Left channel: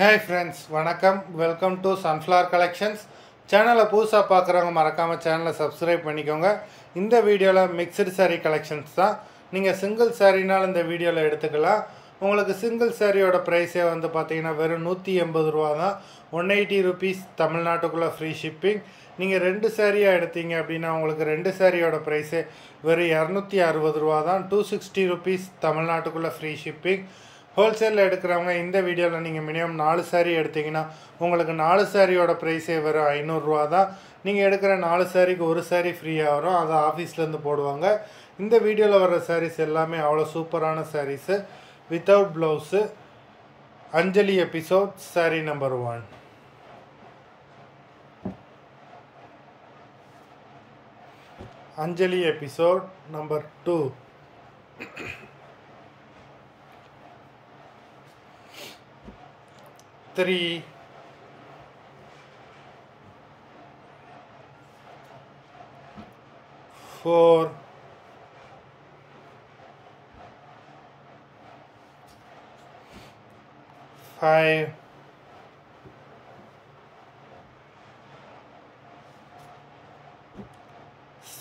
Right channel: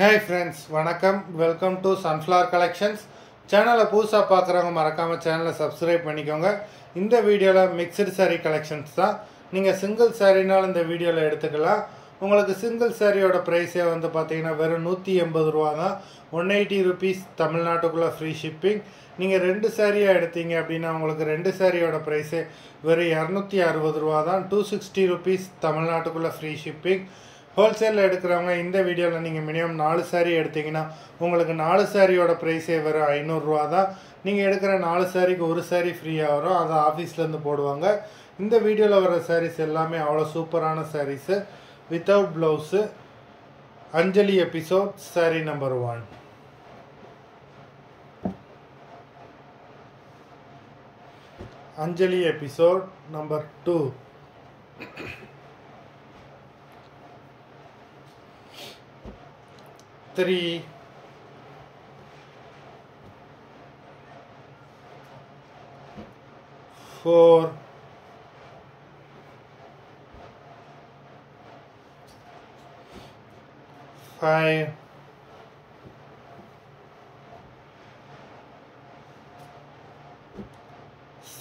Hey friends, வணக்கம். Welcome to Sunflower Collections. சேனலை புதுசாக பார்க்குறவங்க மறக்காமல் சேனலை சப்ஸ்கிரைப் பண்ணிக்கோங்க. இந்த வீடியோவில் மிக்சடு saree கலெக்ஷன்ஸ் தான். நீங்கள் சிங்கிள் சாரீனாலும் இந்த வீடியோவில் எடுத்துக்கலாம். உங்களுக்கு சிங்கிள் சாரியோட ப்ரைஸே வந்து பார்த்தீங்கன்னா வெறும் 180 ரூபா தான். 180 rupees தமிழ்நாட்டுக்குள்ளே ஃப்ரீ ஷிப்பிங். நீங்கள் 2 சாரியாக எடுத்தீங்க அப்படின்னா உங்களுக்கு 2 சாரியோட ப்ரைஸே வெறும் 260 ரூபா தான். 260 rupees தமிழ்நாட்டுக்குள்ளே ஃப்ரீ ஷிப்பிங். ஹோல்சேலில் எடுக்கிறவங்க இந்த வீடியோவில் நீங்கள் மினிமம் 4 சாரீ எடுத்தீங்கன்னா உங்களுக்கு 4 சாரியோட ப்ரைஸே வரும் 500 ரூபா தான். நீங்கள் எடுக்கிற 4 சாரிக்கு ஒரு சாரீ ஃப்ரீயாக வரும். அதை ஆஃபீஸ்லேருந்து போடுவாங்க. இந்த வீடியோவில் வர சாரீஸ் எல்லாமே அவ்வளோ சூப்பரான saris. Without blouse. Anjali episode sari number 1. Anjali episode number 2. 3, 4, 5,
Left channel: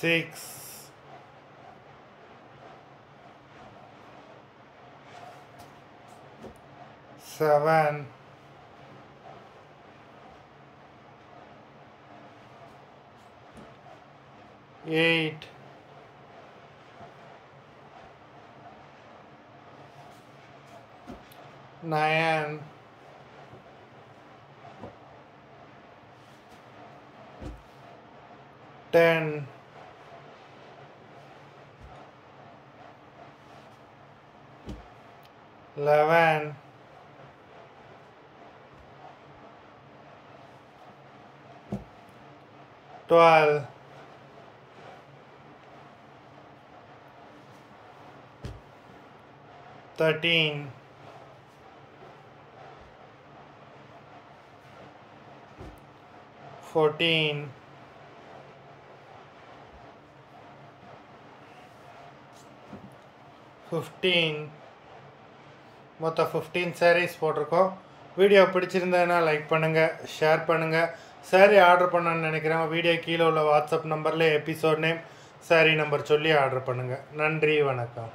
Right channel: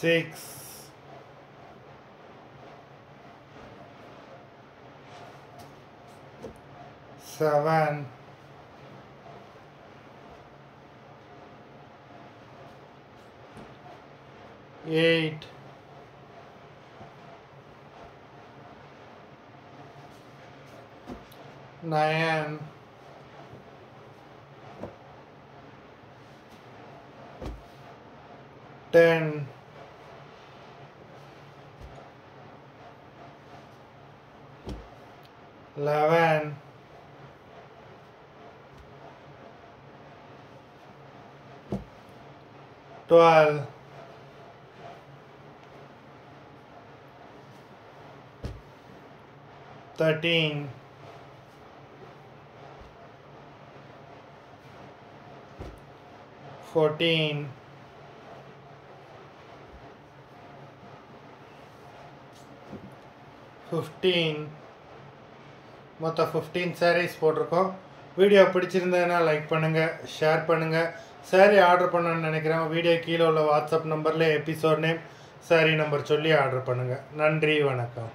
6, 7, 8, 9, 10, 11, 12, 13, 14, 15. மொத்தம் 15 sarees போட்டிருக்கோம். வீடியோ பிடிச்சிருந்ததுன்னா லைக் பண்ணுங்கள், ஷேர் பண்ணுங்கள். சாரீ ஆர்டர் பண்ணணும்னு நினைக்கிறவங்க வீடியோ கீழே உள்ள வாட்ஸ்அப் நம்பரில் எபிசோட் நேம், சாரீ நம்பர் சொல்லி ஆர்டர் பண்ணுங்கள். நன்றி, வணக்கம்.